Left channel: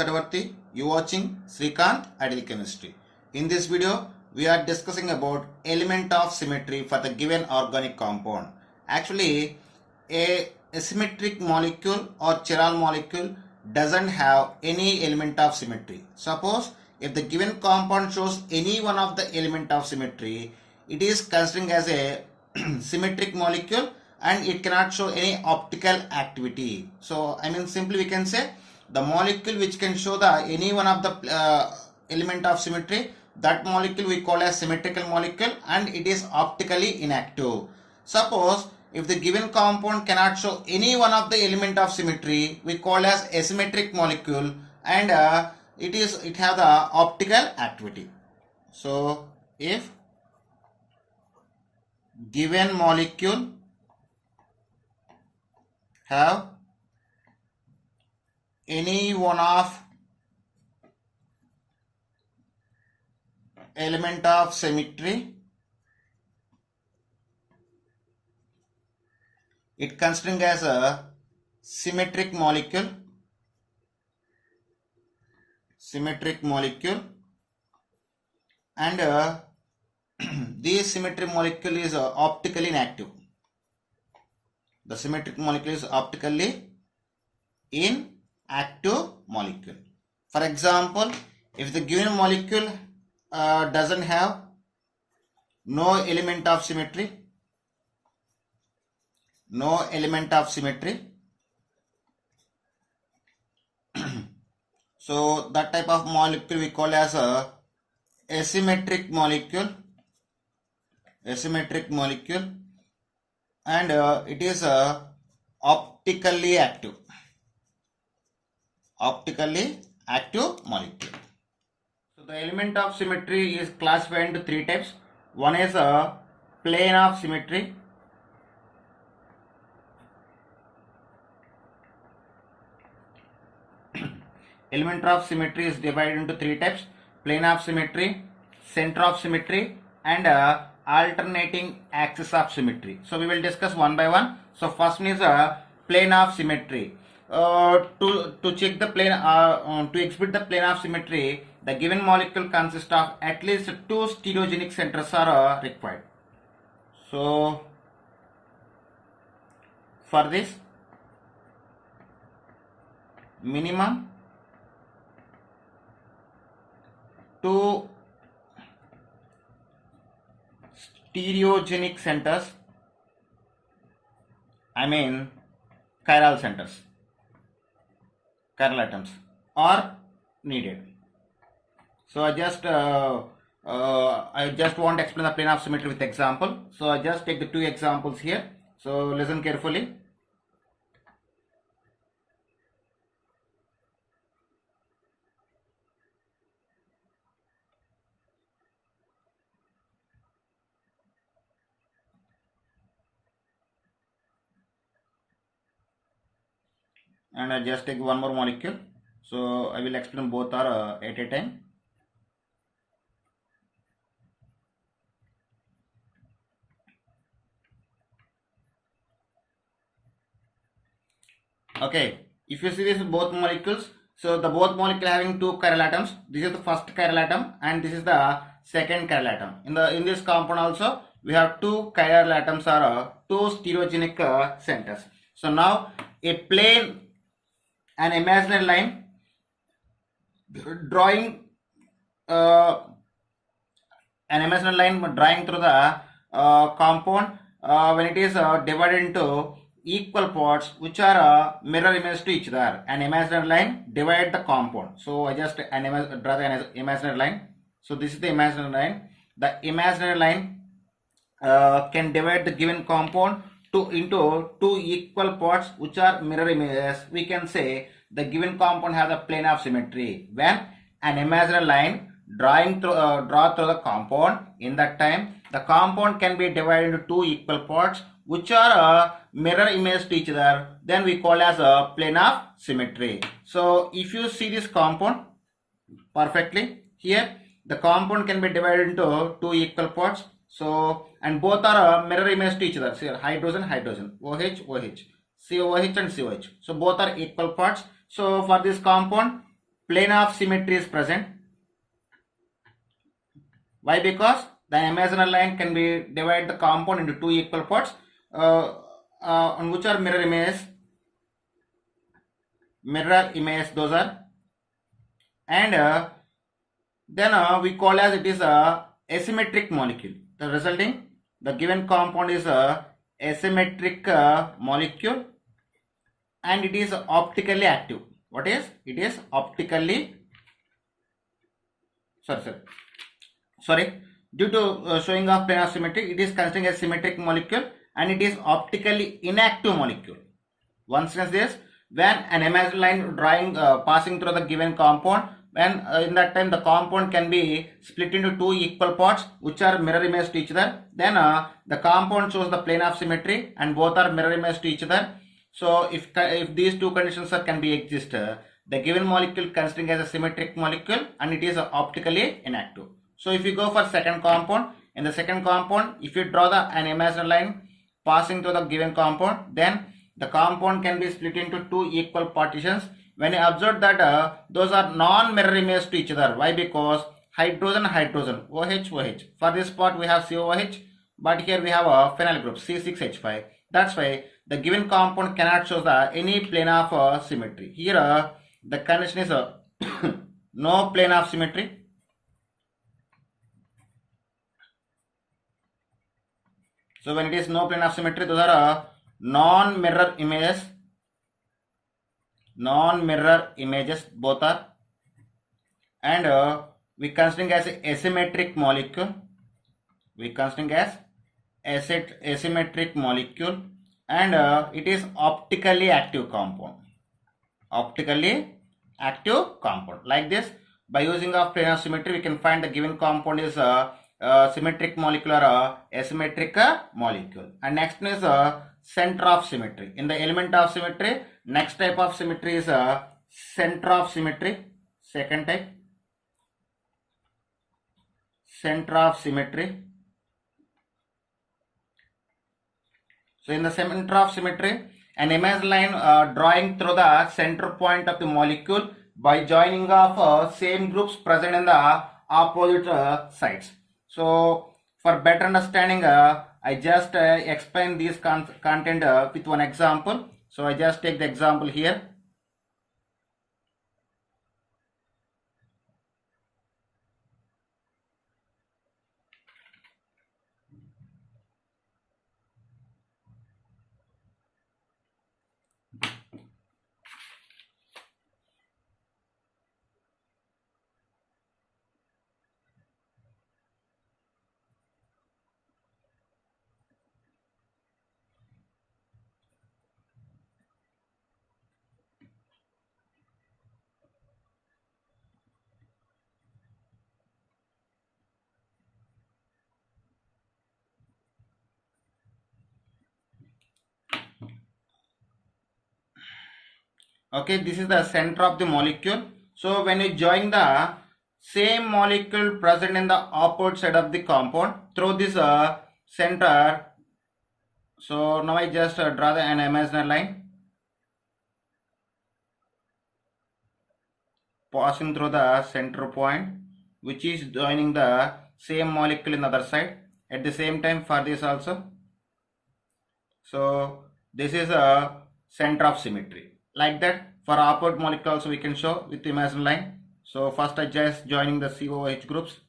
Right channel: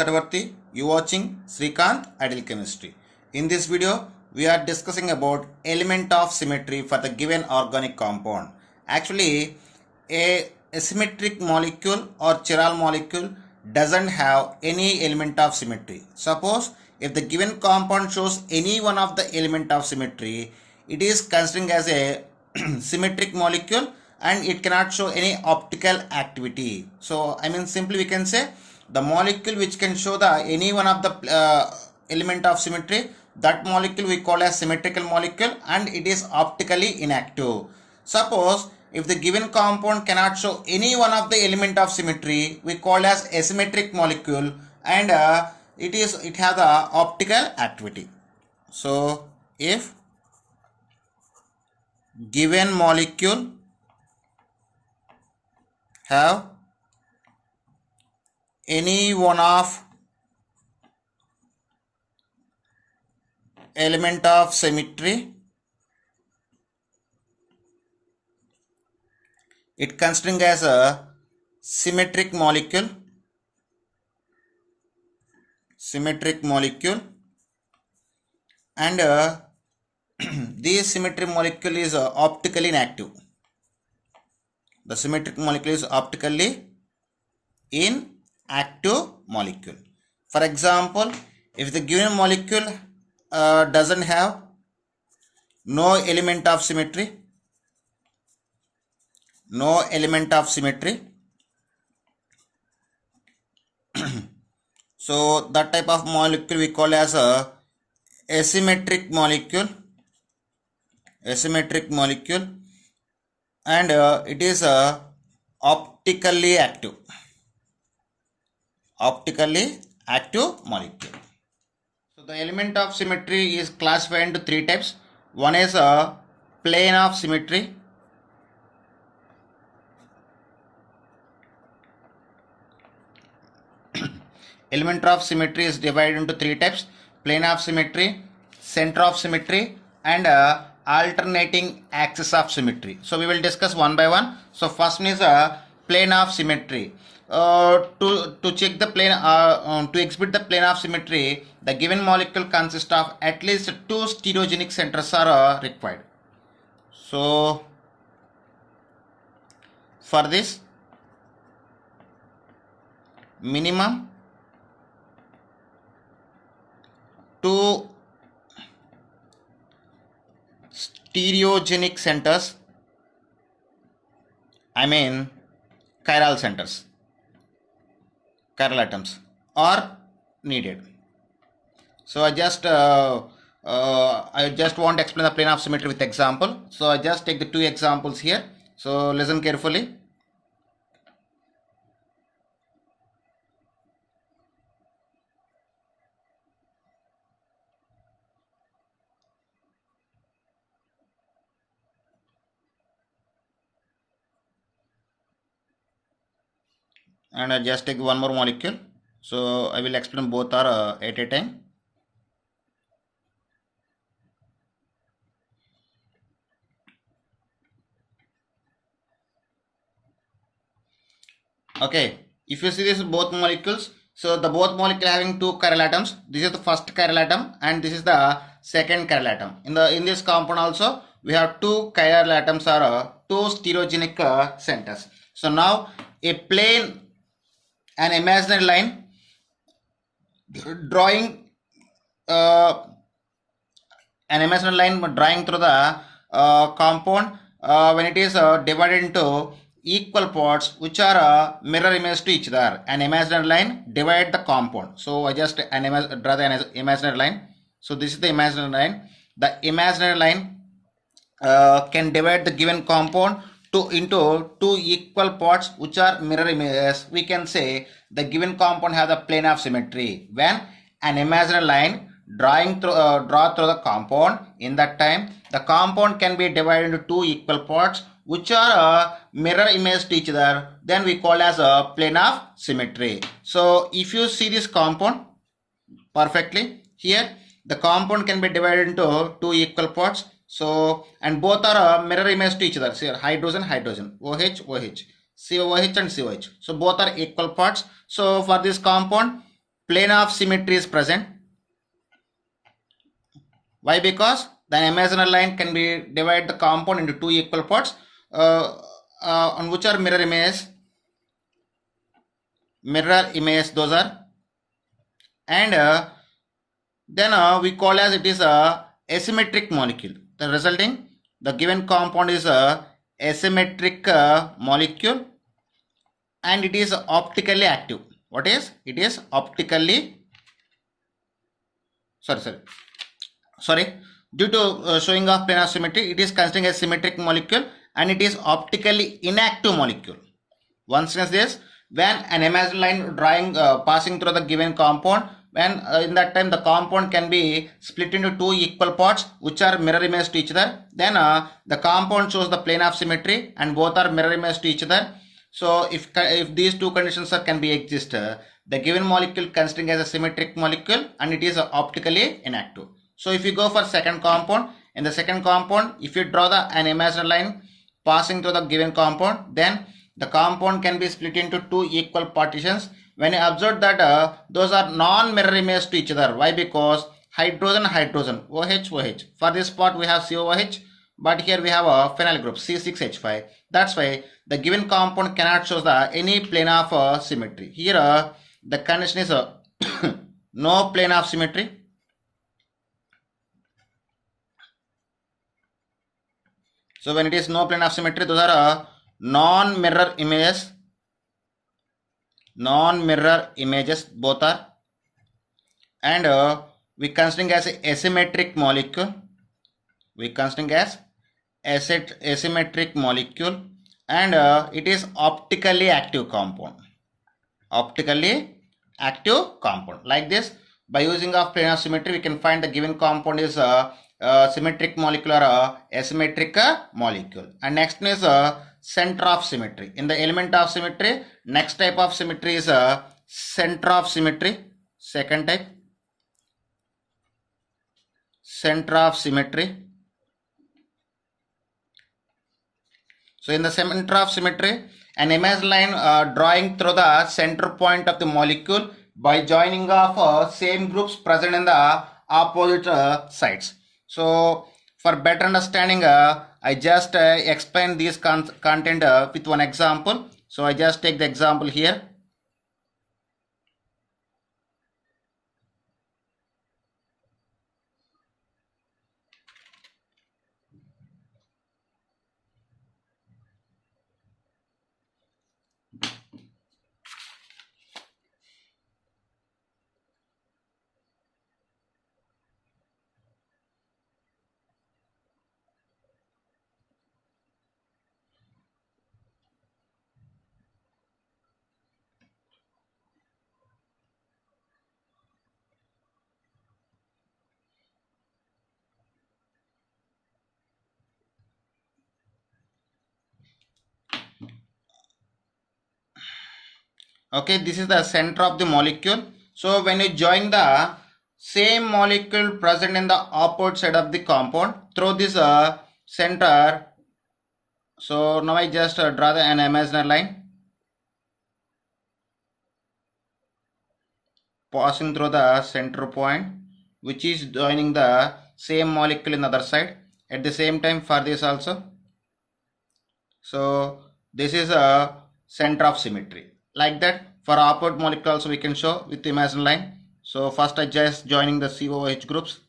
Tatavarti. You watching Srikanth Ideal Chemistry. In this video, we are discussing about element of symmetry for the given organic compound. Actually, a symmetric molecule or chiral molecule doesn't have any element of symmetry. Suppose if the given compound shows any one of the element of symmetry, it is considering as a symmetric molecule and it cannot show any optical activity. So simply we can say the molecule which can show the any one of the element of symmetry, that molecule we call as symmetrical molecule and it is optically inactive. Suppose if the given compound cannot show any one of the element of symmetry, we call as asymmetric molecule and it has the optical activity. So if given molecule have any one of element of symmetry, it considering as a symmetric molecule and this symmetric molecule is optically inactive. The symmetric molecule is optically inactive molecule. For example, if the given molecule doesn't have no element of symmetry, so that type of molecule we call as a asymmetric molecule and it is optically active molecule. So the element of symmetry is classified into three types. One is a plane of symmetry, element of symmetry is divided into three types: plane of symmetry, center of symmetry and alternating axis of symmetry. So we will discuss one by one. So first one is a plane of symmetry. To check the plane, to exhibit the plane of symmetry, the given molecule consists of at least two stereogenic centers are required. So for this, minimum two stereogenic centers, chiral centers, chiral atoms are needed. So I just want to explain the plane of symmetry with example. So I just take the two examples here. So listen carefully. And I just take one more molecule. So I will explain both are at a time. Okay, if you see this both molecules, so the both molecule having two chiral atoms. This is the first chiral atom and this is the second chiral atom. In this compound also we have two chiral atoms or two stereogenic centers. So now a plane, an imaginary line drawing through the compound when it is divided into equal parts which are mirror image to each other. An imaginary line divide the compound. So I just draw the imaginary line. So this is the imaginary line. The imaginary line can divide the given compound into two equal parts which are mirror images. We can say the given compound has a plane of symmetry when an imaginary line draw through the compound. In that time the compound can be divided into two equal parts which are mirror image to each other, then we call as a plane of symmetry. So if you see this compound perfectly here, the compound can be divided into two equal parts. So and both are mirror image to each other. So hydrogen, OH, COOH and COH. So both are equal parts. So for this compound, plane of symmetry is present. Why? Because the imaginary line can be divide the compound into two equal parts on which are mirror image those are, and then we call as it is a asymmetric molecule. The resulting the given compound is a asymmetric molecule, and it is optically active. What is it? Is optically sorry due to showing of planar symmetry, it is considered a symmetric molecule and it is optically inactive molecule. Once again, this when an imaginary line drawing passing through the given compound, when in that time the compound can be split into two equal parts which are mirror image to each other, then the compound shows the plane of symmetry and both are mirror image to each other. So if these two conditions can be exist, the given molecule considering as a symmetric molecule and it is optically inactive. So if you go for second compound, in the second compound, if you draw an imaginary line passing through the given compound, then the compound can be split into two equal partitions. When you observe that those are non-mirror image to each other. Why? Because hydrogen, OH. For this part we have COOH, but here we have a phenyl group C6H5. That's why the given compound cannot show any plane of symmetry. Here the condition is no plane of symmetry. So when it is no plane of symmetry, those are non-mirror images. Non-mirror images both are, and we considering as asymmetric molecule. We considering as asymmetric molecule, and it is optically active compound. Optically active compound. Like this, by using of plane of symmetry, we can find the given compound is symmetric molecule or asymmetric molecule. And next is center of symmetry. In the element of symmetry, next type of symmetry is center of symmetry. Second type, center of symmetry. So in the center of symmetry, an image line drawing through the center point of the molecule by joining of same groups present in the opposite sides. So for better understanding, I just explain this content with one example. So I just take the example here. Okay, this is the center of the molecule. So when you join the same molecule present in the opposite side of the compound through this center, so now I just draw an imaginary line passing through the center point which is joining the same molecule in the other side. At the same time for this also, so this is a center of symmetry. Like that, for opposite molecule also we can show with imaginary line. So first I just joining the COOH groups,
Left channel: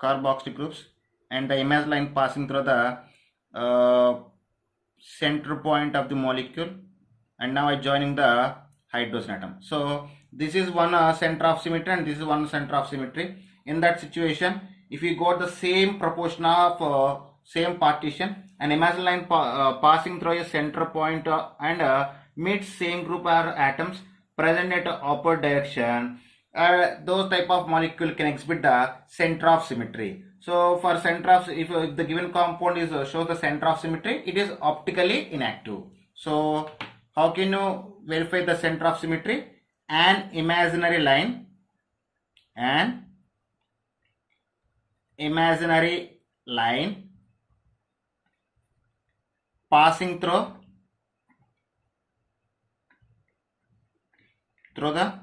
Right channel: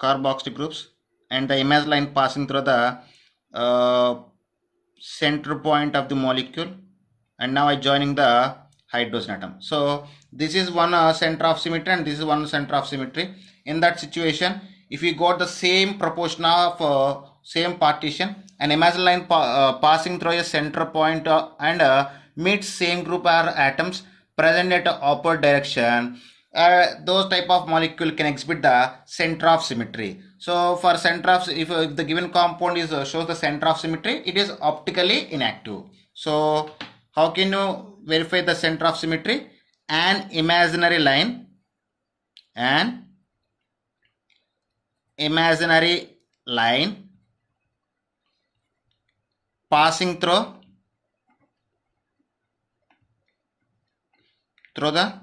carboxyl groups, and the imaginary line passing through the center point of the molecule, and now I joining the hydrogen atom. So this is one center of symmetry and this is one center of symmetry. In that situation, if we got the same proportion of same partition, an imaginary line passing through a center point and meets same group or atoms present at opposite direction, those type of molecule can exhibit the center of symmetry. So for center of, if the given compound is shows the center of symmetry, it is optically inactive. So how can you verify the center of symmetry? An imaginary line passing through the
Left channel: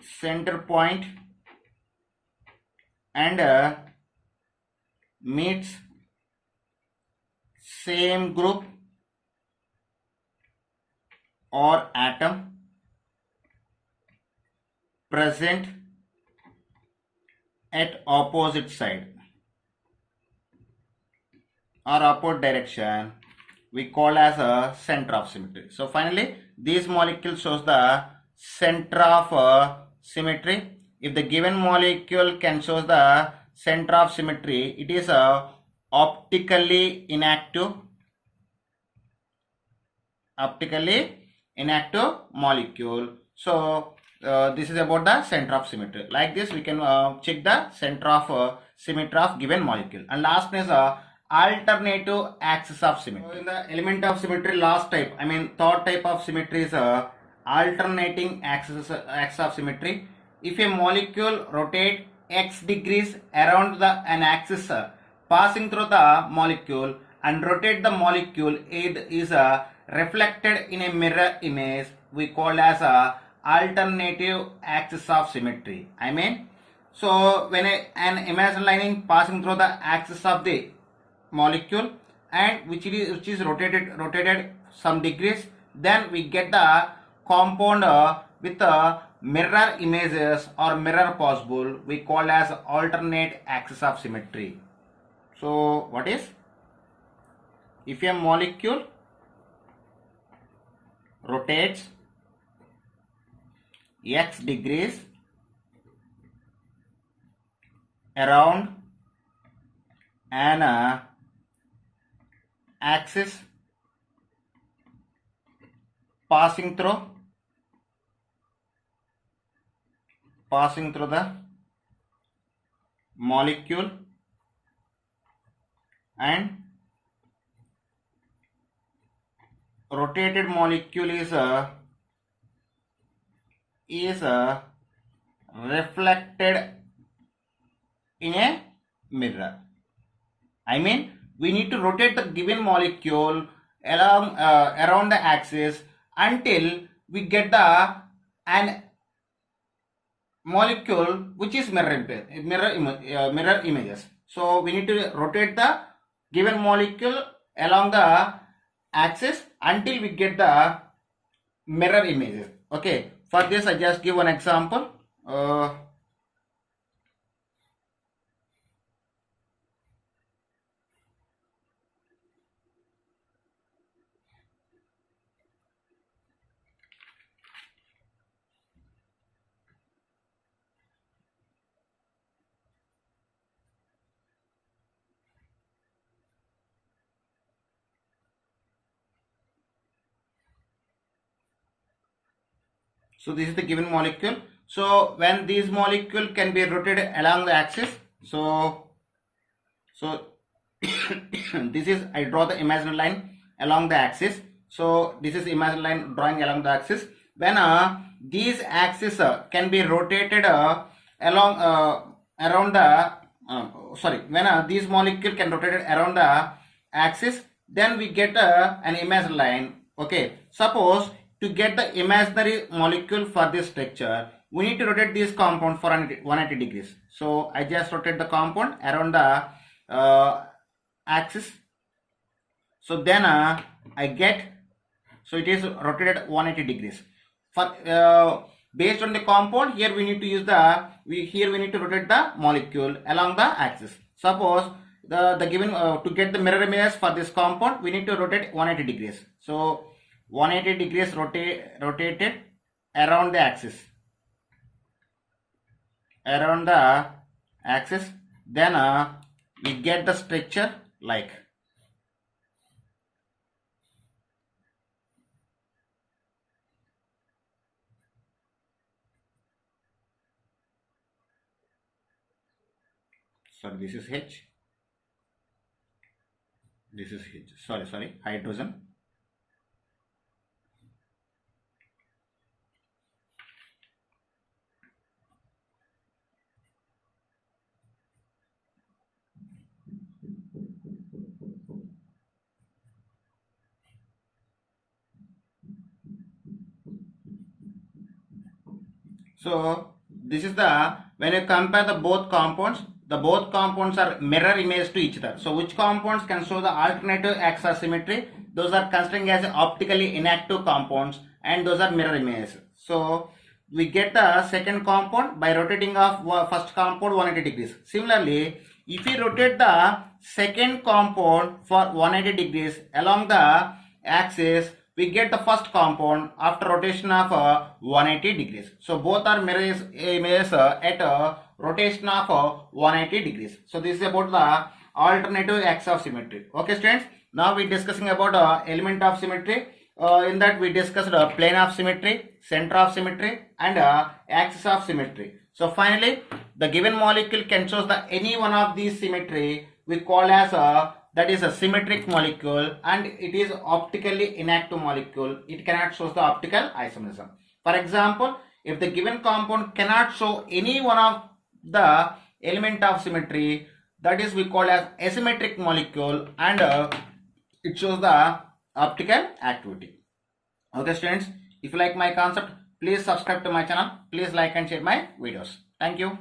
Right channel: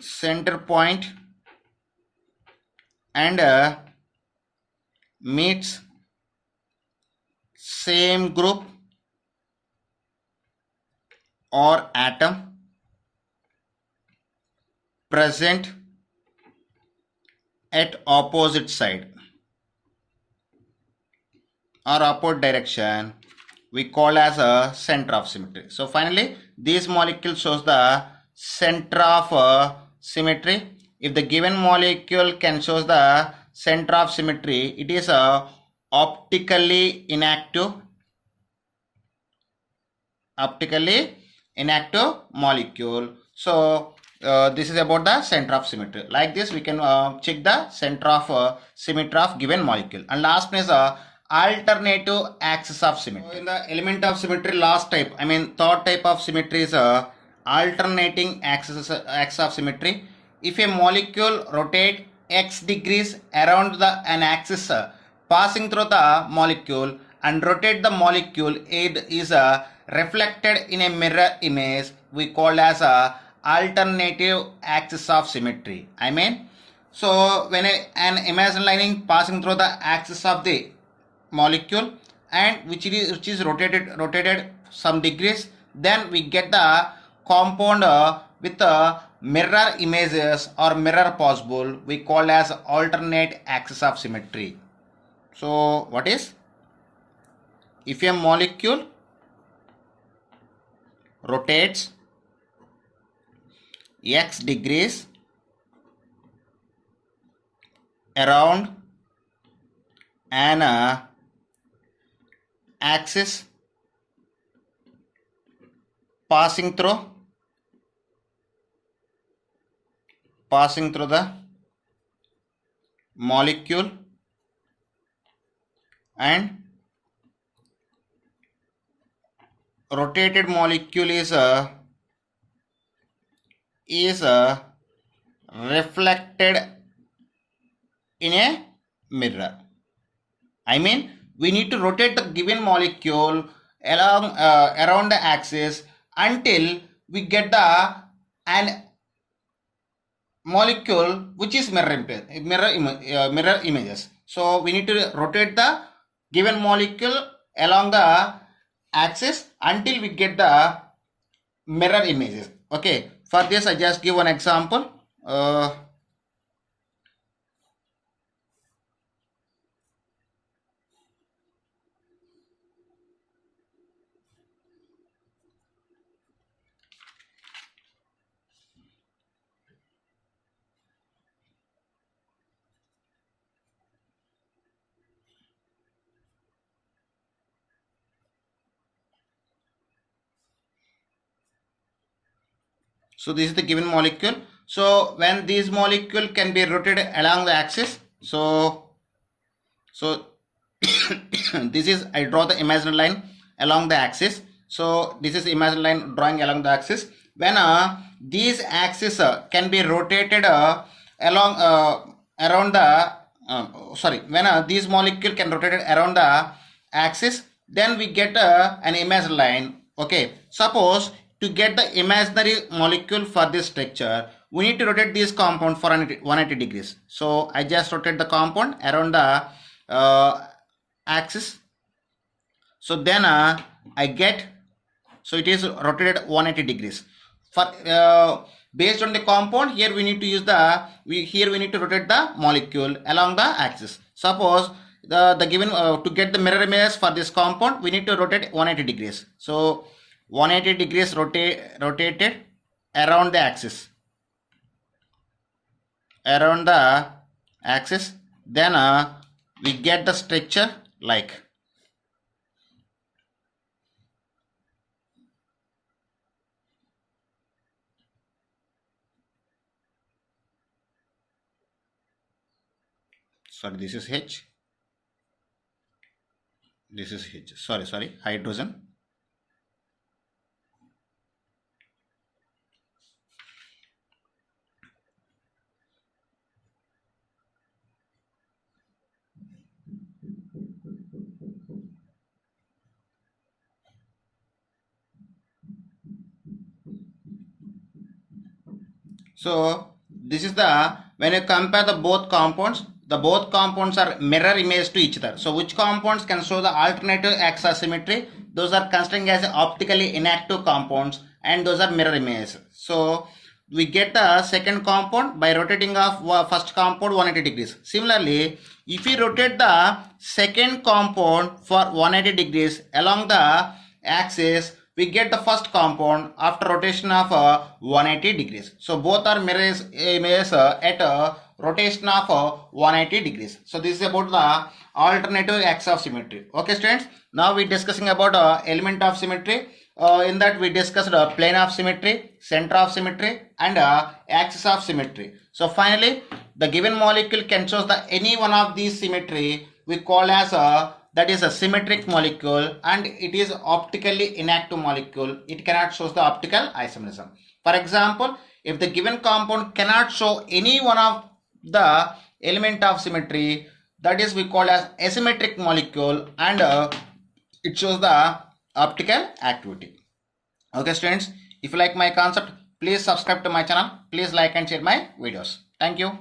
center point and meets same group or atom present at opposite side or opposite direction, we call as a center of symmetry. So finally, these molecules shows the center of symmetry. If the given molecule can show the center of symmetry, it is a optically inactive molecule. So this is about the center of symmetry. Like this, we can check the center of symmetry of given molecule. And last one is alternative axis of symmetry. So in the element of symmetry, third type of symmetry is alternating axis of symmetry. If a molecule rotate x degrees around an axis passing through the molecule and rotate the molecule, it is reflected in a mirror image, we call as a alternative axis of symmetry. So when an imaginary line passing through the axis of the molecule and which is rotated some degrees, then we get the compound with mirror images or mirror possible, we call as alternate axis of symmetry. So what is, if a molecule rotates x degrees around an axis passing through the molecule and rotated molecule is reflected in a mirror. We need to rotate the given molecule along around the axis until we get an molecule which is mirror images. So we need to rotate the given molecule along the axis until we get the mirror images. Okay, for this I just give one example. So this is the given molecule. So when these molecule can be rotated along the axis, so this is, I draw the imaginary line along the axis. So this is imaginary line drawing along the axis. When these axes can be rotated along around the when these molecule can rotate around the axis, then we get an imaginary line. Okay, suppose to get the imaginary molecule for this structure, we need to rotate this compound for 180 degrees. So I just rotate the compound around the axis. So then I get, so it is rotated 180 degrees. For based on the compound, here we need to use we need to rotate the molecule along the axis. Suppose the given to get the mirror image for this compound, we need to rotate 180 degrees. So 180 degrees rotated around the axis. Then we get the structure like. Sorry, this is H. This is H. Sorry, hydrogen. So this is the, when you compare the both compounds are mirror image to each other. So which compounds can show the alternative axis symmetry? Those are considering as optically inactive compounds, and those are mirror images. So we get the second compound by rotating of first compound 180 degrees. Similarly, if we rotate the second compound for 180 degrees along the axis, we get the first compound after rotation of 180 degrees. So both are mirror images at rotation of 180 degrees. So this is about the alternative axis of symmetry. Okay students, now we discussing about element of symmetry. In that we discussed plane of symmetry, center of symmetry, and axis of symmetry. So finally, the given molecule can show the any one of these symmetry we call as that is a symmetric molecule, and it is optically inactive molecule. It cannot show the optical isomerism. For example, if the given compound cannot show any one of the element of symmetry, that is we call as asymmetric molecule, and it shows the optical activity. Okay students, if you like my concept, please subscribe to my channel, please like and share my videos. Thank you.